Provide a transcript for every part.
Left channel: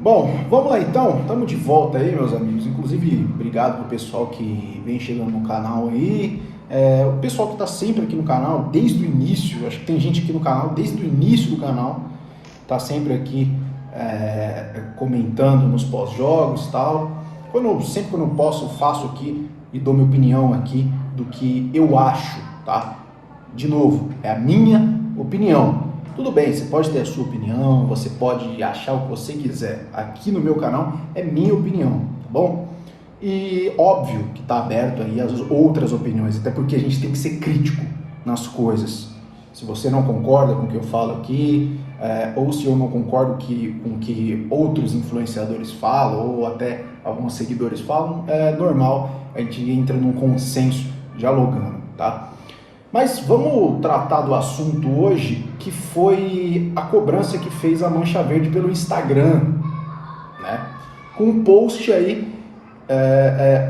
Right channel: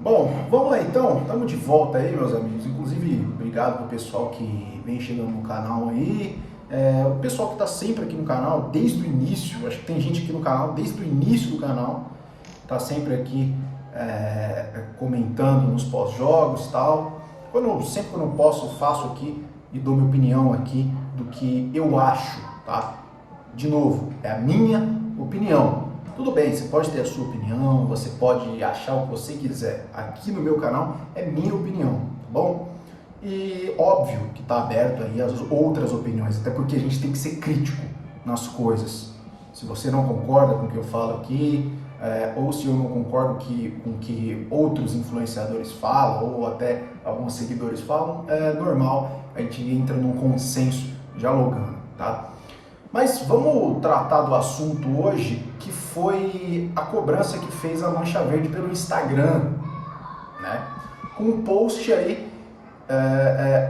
Bom, vamos lá então, estamos de volta aí, meus amigos. Inclusive, obrigado pro pessoal que vem chegando no canal aí. O pessoal que está sempre aqui no canal, desde o início, acho que tem gente aqui no canal desde o início do canal, está sempre aqui comentando nos pós-jogos e tal. Sempre quando eu posso, eu faço aqui e dou minha opinião aqui do que eu acho, tá? De novo, é a minha opinião. Tudo bem, você pode ter a sua opinião, você pode achar o que você quiser. Aqui no meu canal é minha opinião, tá bom? E óbvio que tá aberto aí as outras opiniões, até porque a gente tem que ser crítico nas coisas. Se você não concorda com o que eu falo aqui, ou se eu não concordo com o que outros influenciadores falam, ou até alguns seguidores falam, é normal, a gente entra num consenso dialogando, tá? Mas vamos tratar do assunto hoje, que foi a cobrança que fez a Mancha Verde pelo Instagram, né? Com um post aí,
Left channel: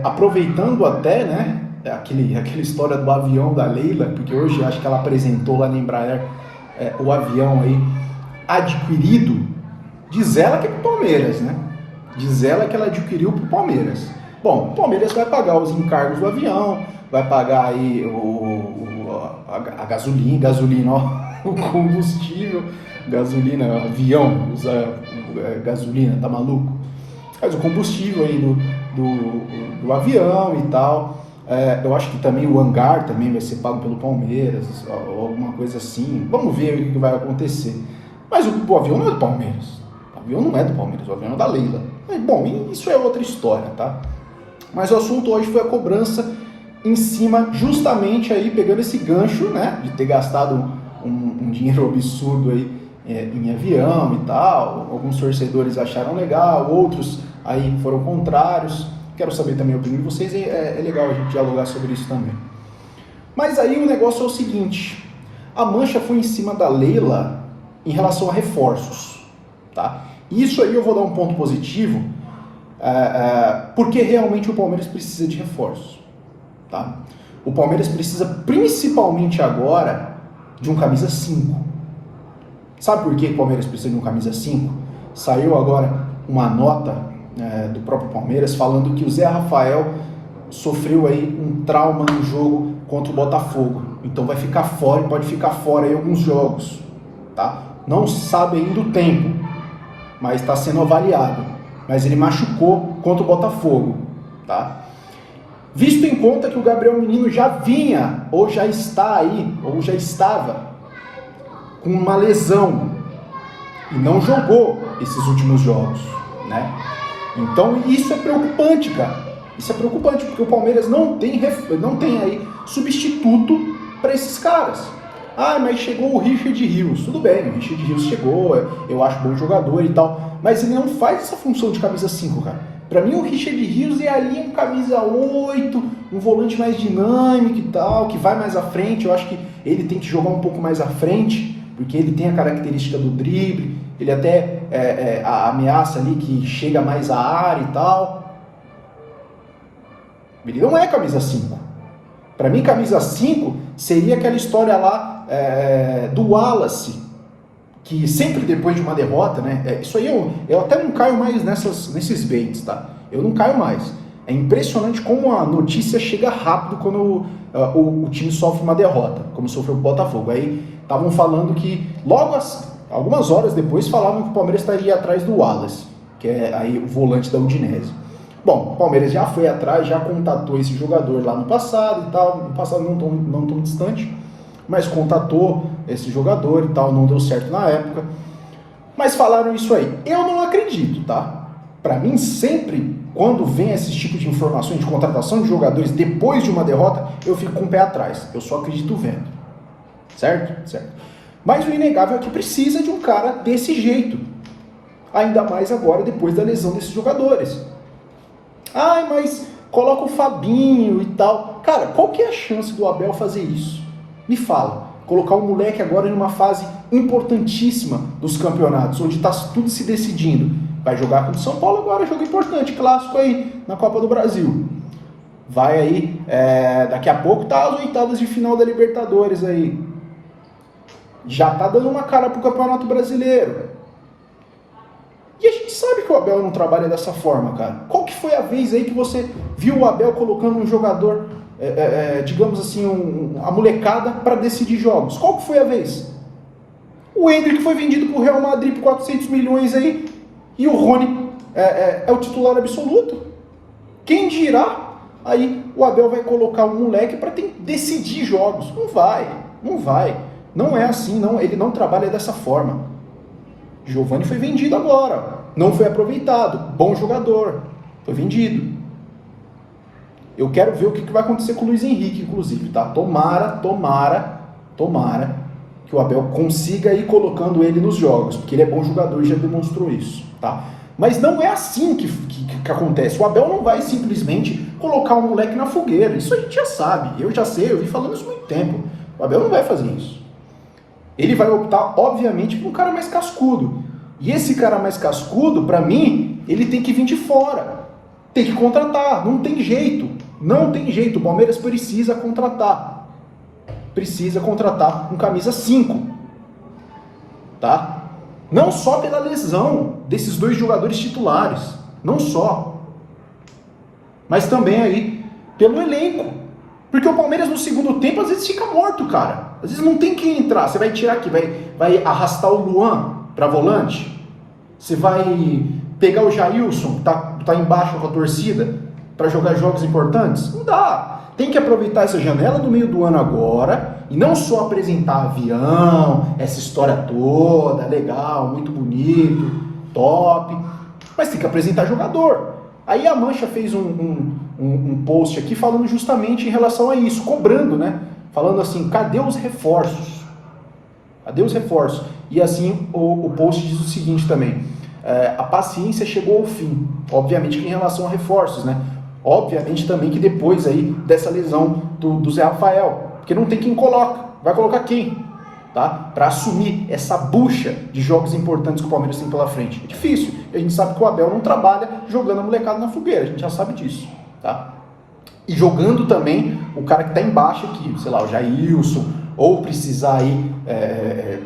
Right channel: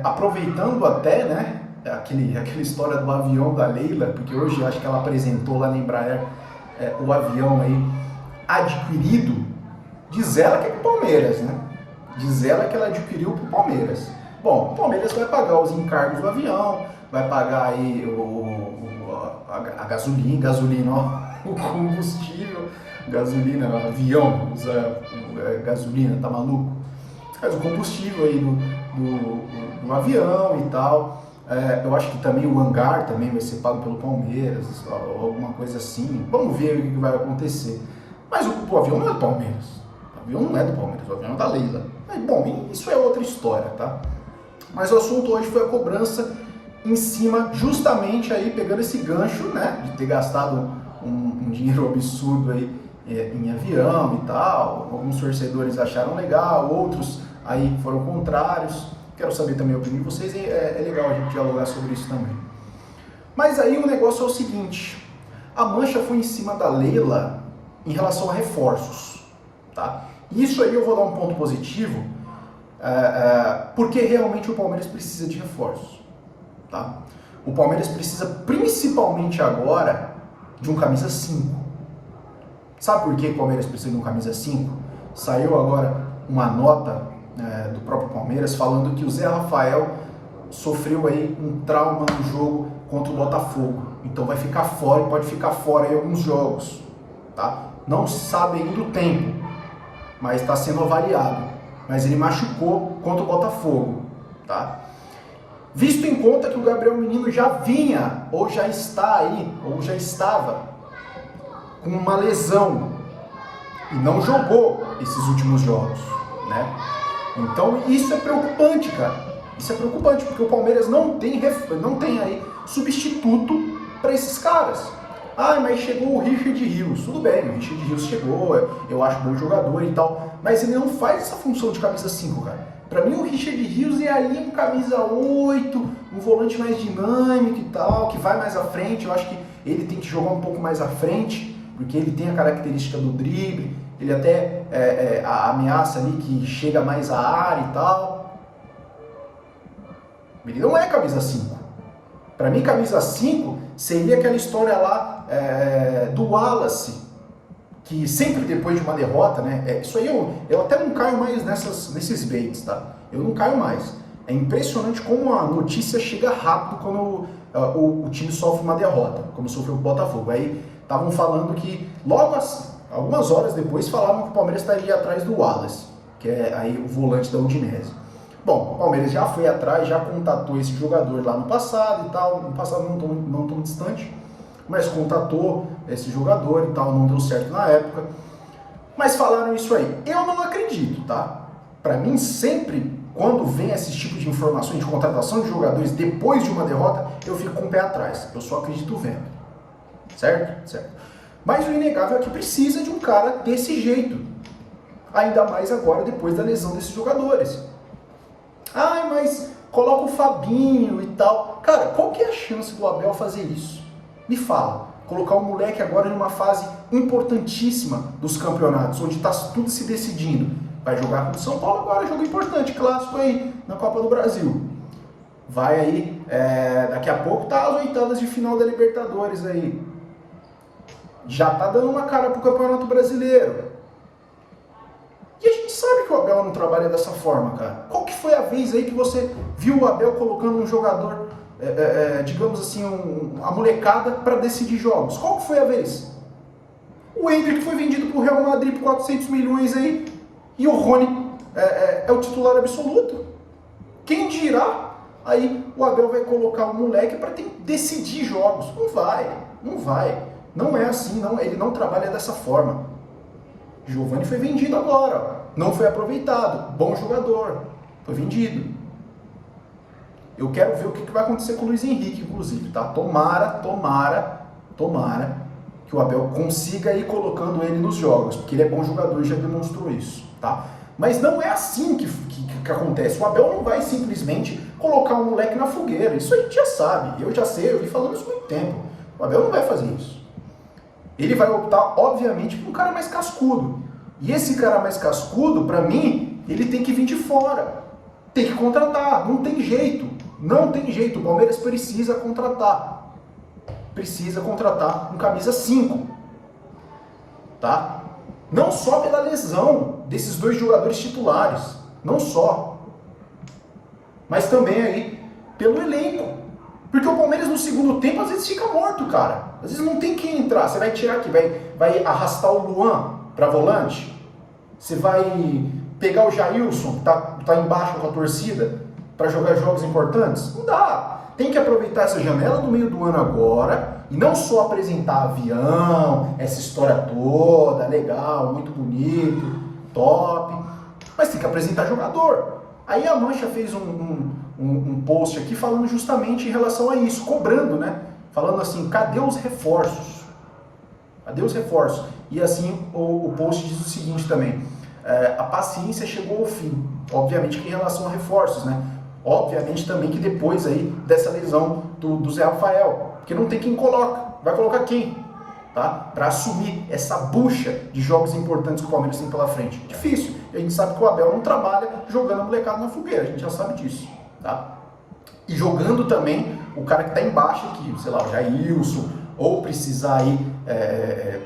aproveitando até, né, aquela história do avião da Leila, porque hoje acho que ela apresentou lá na Embraer o avião aí adquirido, diz ela que é pro Palmeiras, né? Diz ela que ela adquiriu pro Palmeiras. Bom, o Palmeiras vai pagar os encargos do avião, vai pagar aí a gasolina, ó, o combustível, gasolina, avião, usa gasolina, tá maluco? Mas o combustível aí do avião e tal. Eu acho que também o hangar também vai ser pago pelo Palmeiras, ou alguma coisa assim. Vamos ver o que vai acontecer. Mas o avião não é do Palmeiras. O avião não é do Palmeiras, o avião é da Leila. Mas, bom, isso é outra história, tá? Mas o assunto hoje foi a cobrança em cima, justamente aí pegando esse gancho, né, de ter gastado um dinheiro absurdo aí em avião e tal. Alguns torcedores acharam legal, outros aí foram contrários. Quero saber também a opinião de vocês, é legal a gente dialogar sobre isso também. Mas aí o negócio é o seguinte, a Mancha foi em cima da Leila em relação a reforços, tá? Isso aí eu vou dar um ponto positivo, porque realmente o Palmeiras precisa de reforços, tá? O Palmeiras precisa principalmente agora de um camisa 5. Sabe por que o Palmeiras precisa de um camisa 5? Saiu agora uma nota do próprio Palmeiras falando que o Zé Rafael sofreu aí um trauma no jogo contra o Botafogo. Então vai ficar fora, pode ficar fora aí alguns jogos, tá? Não sabe ainda o tempo, mas está sendo avaliado. Mas ele machucou contra o Botafogo, tá? Visto em conta que o Gabriel Menino já vinha, ou já está aí, ou já estava com uma lesão e não jogou esses últimos jogos, né? Então isso é preocupante, cara. Isso é preocupante, porque o Palmeiras não tem aí substituto para esses caras. Ah, mas chegou o Richard Rios. Tudo bem, o Richard Rios chegou, eu acho bom jogador e tal, mas ele não faz essa função de camisa 5, cara. Pra mim o Richard Rios é ali um camisa 8, um volante mais dinâmico e tal, que vai mais à frente. Eu acho que ele tem que jogar um pouco mais à frente, porque ele tem a característica do drible, ele até a ameaça ali que chega mais à área e tal. Ele não é camisa 5. Pra mim, camisa 5 seria aquela história lá do Wallace, que sempre depois de uma derrota, né? Isso aí eu até não caio mais nesses baits, tá? Eu não caio mais. É impressionante como a notícia chega rápido quando o time sofre uma derrota, como sofreu o Botafogo. Aí estavam falando que algumas horas depois falavam que o Palmeiras estaria atrás do Wallace, que é aí o volante da Udinese. Bom, o Palmeiras já foi atrás, já contatou esse jogador lá no passado e tal, no passado não tão distante, mas contatou esse jogador e tal, não deu certo na época. Mas falaram isso aí. Eu não acredito, tá? Pra mim, sempre, quando vem esse tipo de informações de contratação de jogadores depois de uma derrota, eu fico com o pé atrás. Eu só acredito vendo. Certo? Certo. Mas o inegável é que precisa de um cara desse jeito. Ainda mais agora, depois da lesão desses jogadores. Ai, mas coloca o Fabinho e tal. Cara, qual que é a chance do Abel fazer isso? Me fala. Colocar o moleque agora em uma fase importantíssima dos campeonatos, onde está tudo se decidindo. Vai jogar com o São Paulo agora, jogo importante, clássico aí, na Copa do Brasil. Vai aí, daqui a pouco tá as oitavas de final da Libertadores aí. Já tá dando uma cara pro Campeonato Brasileiro. E a gente sabe que o Abel não trabalha dessa forma, cara. Qual que foi a vez aí que você viu o Abel colocando um jogador, digamos assim, a molecada para decidir jogos? Qual que foi a vez? O Endrick foi vendido pro Real Madrid por 400 milhões aí, e o Rony é o titular absoluto. Quem dirá, aí o Abel vai colocar o moleque para decidir jogos. Não vai. Não é assim, não. Ele não trabalha dessa forma. Giovani foi vendido agora, não foi aproveitado, bom jogador, foi vendido. Eu quero ver o que vai acontecer com o Luiz Henrique, inclusive, tá? Tomara que o Abel consiga ir colocando ele nos jogos, porque ele é bom jogador e já demonstrou isso, tá? Mas não é assim que acontece. O Abel não vai simplesmente colocar um moleque na fogueira. Isso a gente já sabe, eu já sei, eu vim falando isso há muito tempo. O Abel não vai fazer isso. Ele vai optar, obviamente, por um cara mais cascudo. E esse cara mais cascudo, pra mim, ele tem que vir de fora. Tem que contratar, não tem jeito. Não tem jeito, o Palmeiras precisa contratar. Precisa contratar um camisa 5. Tá? Não só pela lesão desses dois jogadores titulares, não só. Mas também aí pelo elenco. Porque o Palmeiras no segundo tempo às vezes fica morto, cara. Às vezes não tem quem entrar. Você vai tirar aqui, vai arrastar o Luan para volante. Você vai pegar o Jailson, que tá embaixo com a torcida, para jogar jogos importantes? Não dá. Tem que aproveitar essa janela do meio do ano agora e não só apresentar avião, essa história toda, legal, muito bonito, top, mas tem que apresentar jogador. Aí a Mancha fez um post aqui falando justamente em relação a isso, cobrando, né? Falando assim, cadê os reforços? Cadê os reforços? E assim o post diz o seguinte também, a paciência chegou ao fim, obviamente que em relação a reforços, né? Obviamente também que depois aí dessa lesão do Zé Rafael, porque não tem quem coloca, vai colocar quem? Tá? Para assumir essa bucha de jogos importantes que o Palmeiras tem pela frente. É difícil, a gente sabe que o Abel não trabalha jogando a molecada na fogueira, a gente já sabe disso, tá? E jogando também o cara que está embaixo aqui, sei lá, o Jailson, ou precisar aí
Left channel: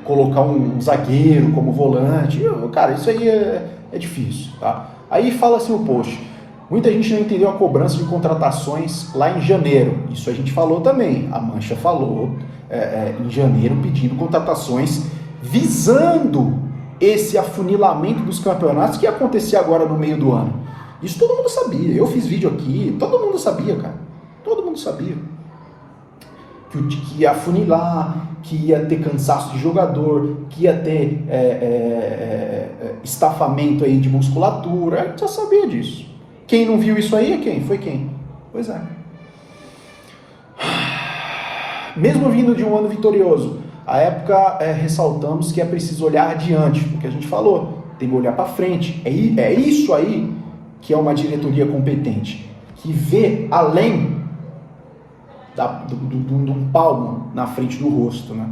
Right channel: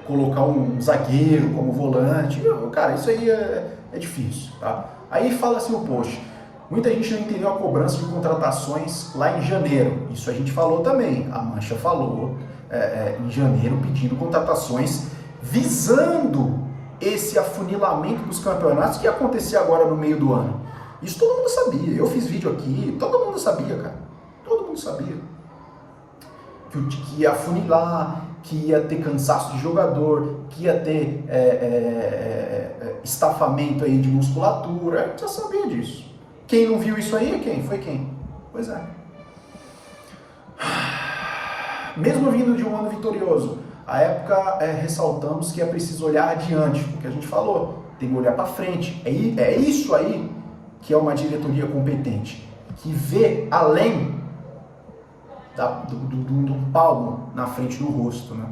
colocar um zagueiro como volante, cara, isso aí é difícil, tá? Aí fala assim o post, muita gente não entendeu a cobrança de contratações lá em janeiro, isso a gente falou também, a Mancha falou em janeiro pedindo contratações visando esse afunilamento dos campeonatos que ia acontecer agora no meio do ano. Isso todo mundo sabia, eu fiz vídeo aqui, todo mundo sabia, cara, todo mundo sabia. Que ia afunilar, que ia ter cansaço de jogador, que ia ter estafamento aí de musculatura, a gente já sabia disso. Quem não viu isso aí é quem? Foi quem? Pois é. Mesmo vindo de um ano vitorioso, à época ressaltamos que é preciso olhar adiante, o que a gente falou, tem que olhar para frente. É isso aí que é uma diretoria competente, que vê além de um palmo na frente do rosto, né?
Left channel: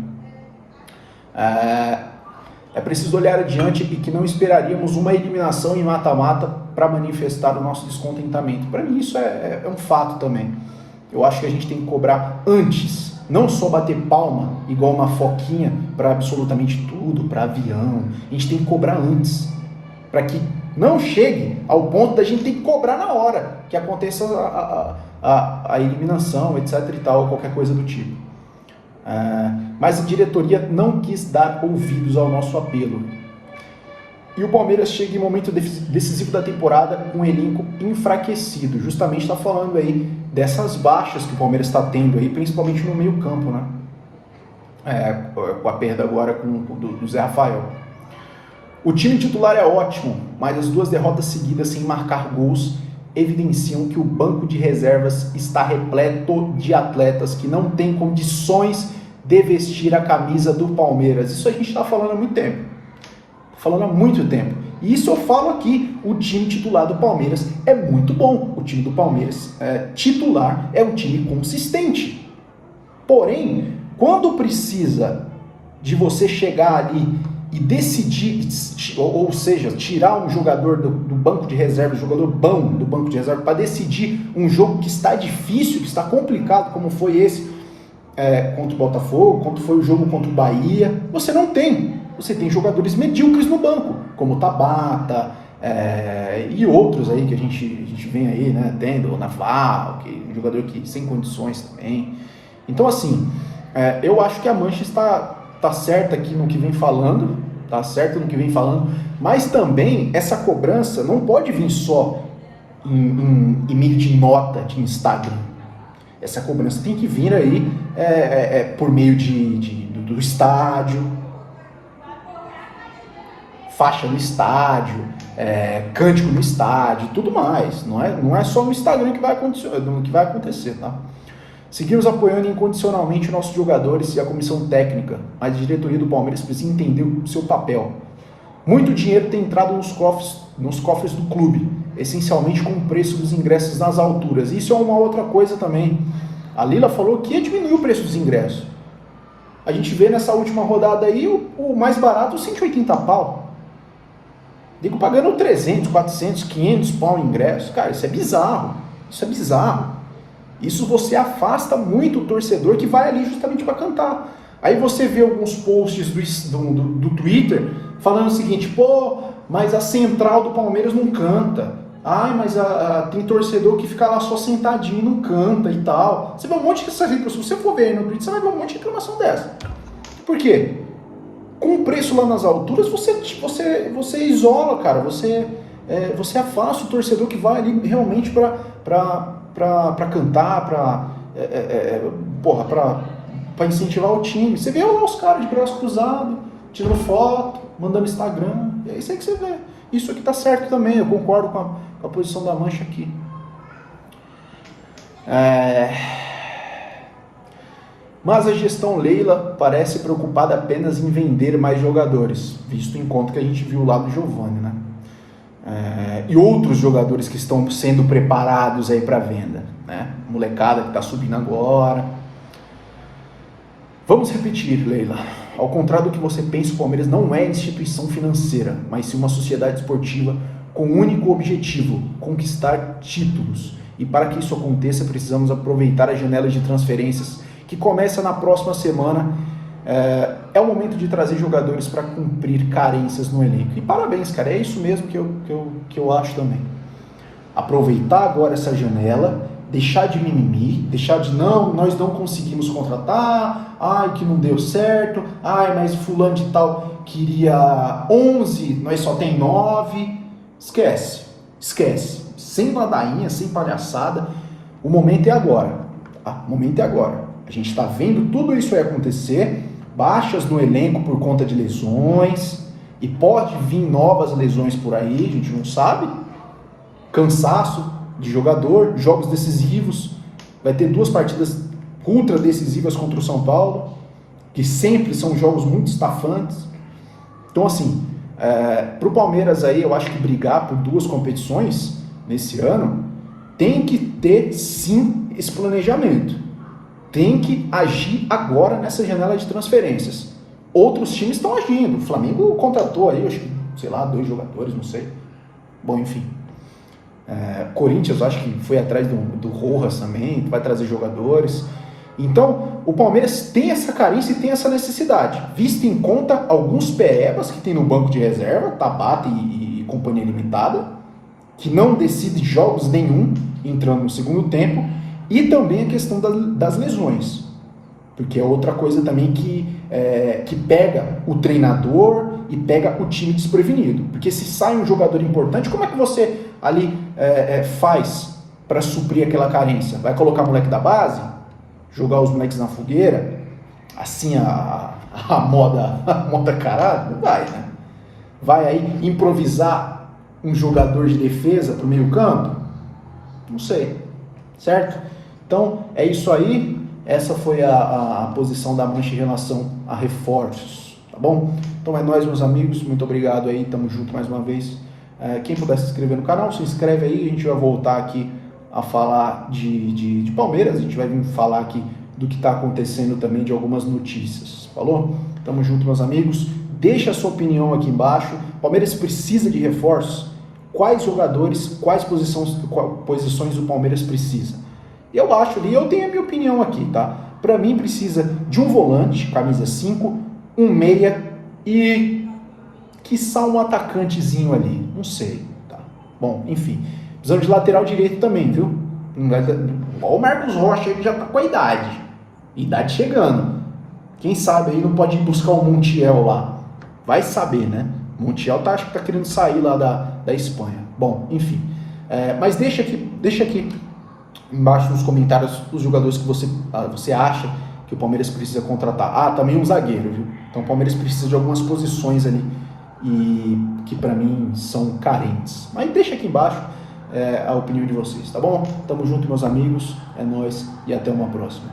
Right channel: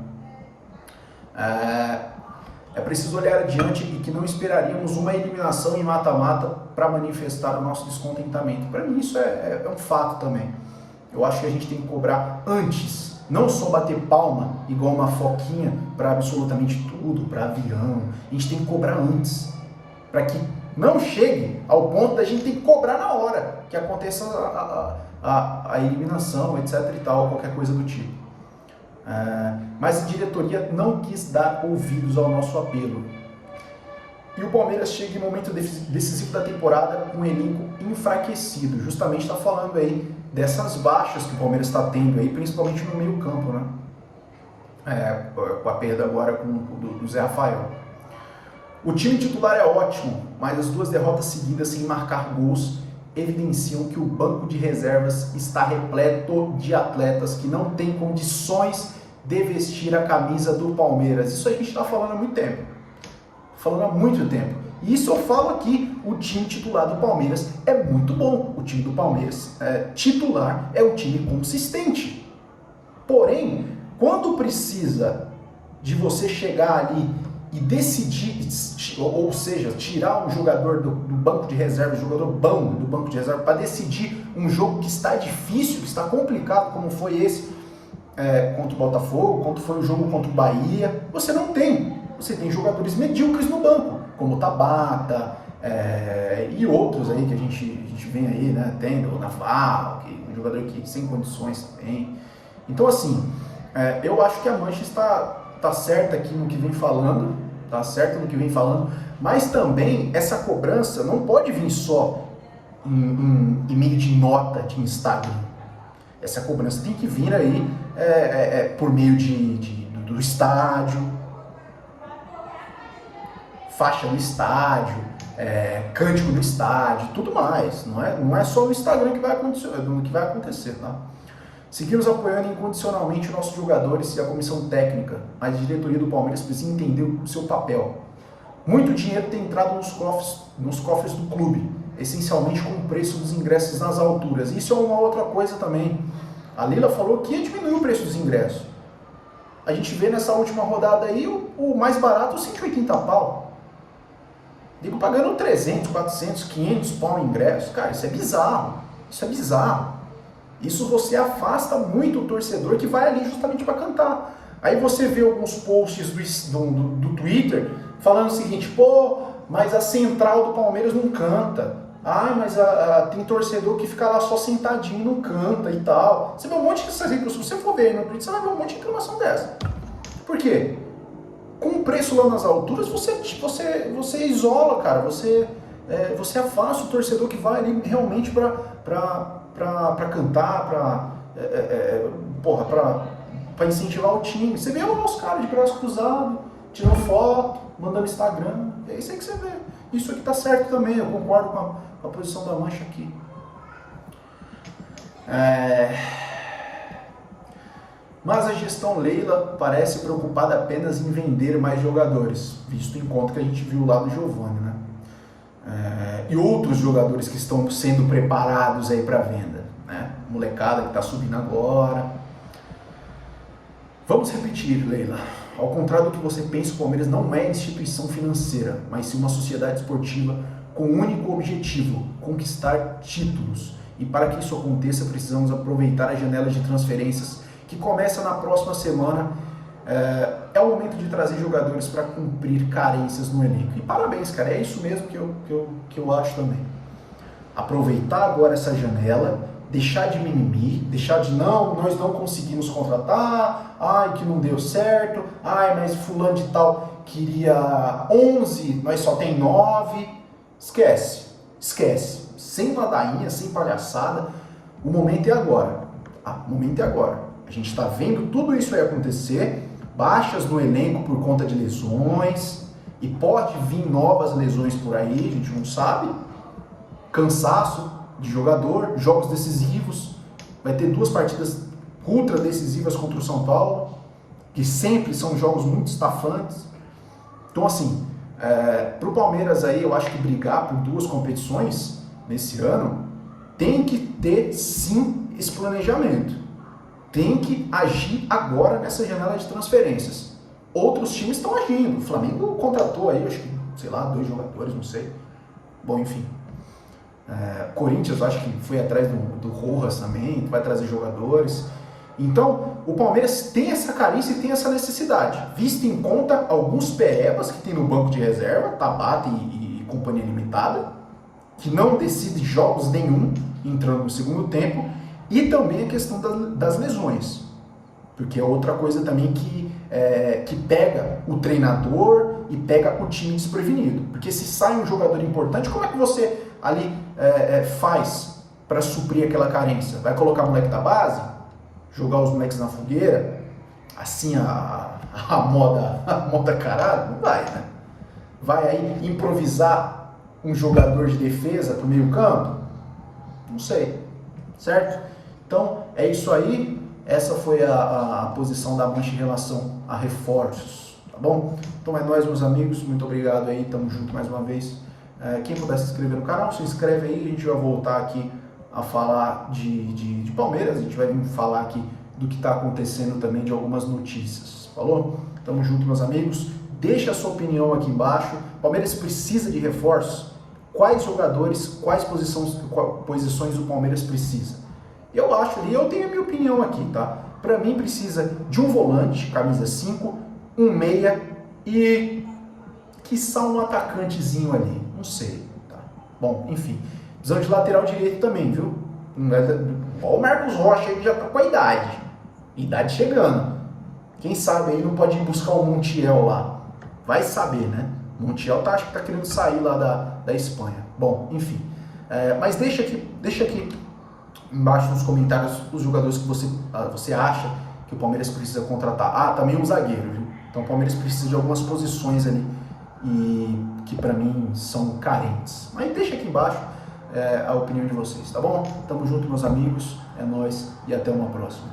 É preciso olhar adiante e que não esperaríamos uma eliminação em mata-mata para manifestar o nosso descontentamento. Para mim isso é um fato também. Eu acho que a gente tem que cobrar antes, não só bater palma igual uma foquinha para absolutamente tudo, para avião. A gente tem que cobrar antes, para que não chegue ao ponto da gente ter que cobrar na hora que aconteça a eliminação, etc e tal, qualquer coisa do tipo. Mas a diretoria não quis dar ouvidos ao nosso apelo. E o Palmeiras chega em momento decisivo da temporada com um elenco enfraquecido. Justamente está falando aí dessas baixas que o Palmeiras está tendo aí, principalmente no meio campo, né? Com a perda agora do Zé Rafael. O time titular é ótimo, mas as 2 derrotas seguidas sem marcar gols evidenciam que o banco de reservas está repleto de atletas que não têm condições de vestir a camisa do Palmeiras. Isso a gente está falando há muito tempo. Falando há muito tempo. E isso eu falo aqui, o time titular do Palmeiras é muito bom. O time do Palmeiras titular é um time consistente. Porém, quando precisa de você chegar ali e decidir, ou seja, tirar um jogador do banco de reserva, um jogador bom do banco de reserva, para decidir um jogo que está difícil, que está complicado, como foi esse contra o Botafogo, quando foi o jogo contra o Bahia, você não tem você tem jogadores medíocres no banco, como Tabata e outros aí que a gente vem aí, né, tendo, Naval, que é um jogador que sem condições também. Então, assim, eu acho que a Mancha está certa aqui no que vem falando, tá certo no que vem falando, mas também essa cobrança não pode vir só em meio de nota de Instagram. Essa cobrança tem que vir aí por meio do estádio, faixa no estádio, cântico no estádio, tudo mais. Não é só no Instagram que vai acontecer, tá? Seguimos apoiando incondicionalmente os nossos jogadores e a comissão técnica, mas a diretoria do Palmeiras precisa entender o seu papel. Muito dinheiro tem entrado nos cofres do clube, essencialmente com o preço dos ingressos nas alturas. Isso é uma outra coisa também. A Leila falou que ia diminuir o preço dos ingressos. A gente vê nessa última rodada aí o mais barato, 180 pau. Digo, pagando 300, 400, 500 pau em ingresso. Cara, isso é bizarro. Isso é bizarro. Isso você afasta muito o torcedor que vai ali justamente para cantar. Aí você vê alguns posts do Twitter falando o seguinte, pô, mas a central do Palmeiras não canta. Ai, mas tem torcedor que fica lá só sentadinho, não canta e tal. Você vê um monte de reclamação. Se você for ver aí no Twitter, você vai ver um monte de reclamação dessa. Por quê? Com o preço lá nas alturas, você isola, cara. Você afasta o torcedor que vai ali realmente para cantar, para incentivar o time. Você vê os caras de braço cruzado, tirando foto, mandando Instagram. É isso aí que você vê. Isso aqui tá certo também, eu concordo com a posição da Mancha aqui. Mas a gestão Leila parece preocupada apenas em vender mais jogadores, visto em conta que a gente viu lá do Giovani, né? E outros jogadores que estão sendo preparados aí para venda, né? Molecada que está subindo agora. Vamos repetir, Leila. Ao contrário do que você pensa, o Palmeiras não é instituição financeira, mas sim uma sociedade esportiva com o único objetivo, conquistar títulos. E para que isso aconteça, precisamos aproveitar a janela de transferências que começa na próxima semana. É o momento de trazer jogadores para cumprir carências no elenco. E parabéns, cara, é isso mesmo que eu acho também. Aproveitar agora essa janela, deixar de mimimi, deixar de nós não conseguimos contratar, ai que não deu certo, ai mas fulano de tal queria 11, nós só tem 9, esquece, sem ladainha, sem palhaçada, o momento é agora, a gente está vendo tudo isso aí acontecer, baixas no elenco por conta de lesões, e pode vir novas lesões por aí, a gente não sabe, cansaço de jogador, jogos decisivos, vai ter 2 partidas ultra decisivas contra o São Paulo, que sempre são jogos muito estafantes. Então assim, para o Palmeiras aí, eu acho que brigar por 2 competições nesse ano, tem que ter sim esse planejamento, tem que agir agora nessa janela de transferências. Outros times estão agindo, o Flamengo contratou aí, acho que, sei lá, 2 jogadores, não sei, bom, enfim. Corinthians, acho que foi atrás do Rojas também, vai trazer jogadores. Então, o Palmeiras tem essa carência e tem essa necessidade, visto em conta alguns perebas que tem no banco de reserva, Tabata e companhia limitada, que não decide jogos nenhum entrando no segundo tempo, e também a questão das lesões, porque é outra coisa também que pega o treinador e pega o time desprevenido, porque se sai um jogador importante, como é que você ali faz para suprir aquela carência? Vai colocar moleque da base? Jogar os moleques na fogueira? Assim a moda caralho? Não vai, né? Vai aí improvisar um jogador de defesa pro meio campo? Não sei, certo? Então é isso aí, essa foi a posição da Mancha em relação a reforços, tá bom? Então é nóis, meus amigos, muito obrigado aí, tamo junto mais uma vez. Quem puder se inscrever no canal, se inscreve aí, a gente vai voltar aqui a falar de Palmeiras, a gente vai vir falar aqui do que está acontecendo também, de algumas notícias, falou? Tamo junto, meus amigos, deixa a sua opinião aqui embaixo. Palmeiras precisa de reforços? Quais jogadores, quais posições o Palmeiras precisa? Eu acho ali, eu tenho a minha opinião aqui, tá? Para mim precisa de um volante, camisa 5, um meia e quiçá um atacantezinho ali, não sei, tá? Bom, enfim, precisamos de lateral direito também, viu? Olha o Marcos Rocha, ele já tá com a idade chegando. Quem sabe aí não pode ir buscar o Montiel lá, vai saber, né? Montiel acho que tá querendo sair lá da Espanha. Bom, enfim, mas deixa aqui embaixo nos comentários os jogadores que você acha que o Palmeiras precisa contratar. Ah, também um zagueiro, viu? Então o Palmeiras precisa de algumas posições ali e que para mim são carentes. Mas deixa aqui embaixo a opinião de vocês, tá bom? Tamo junto, meus amigos, é nóis e até uma próxima.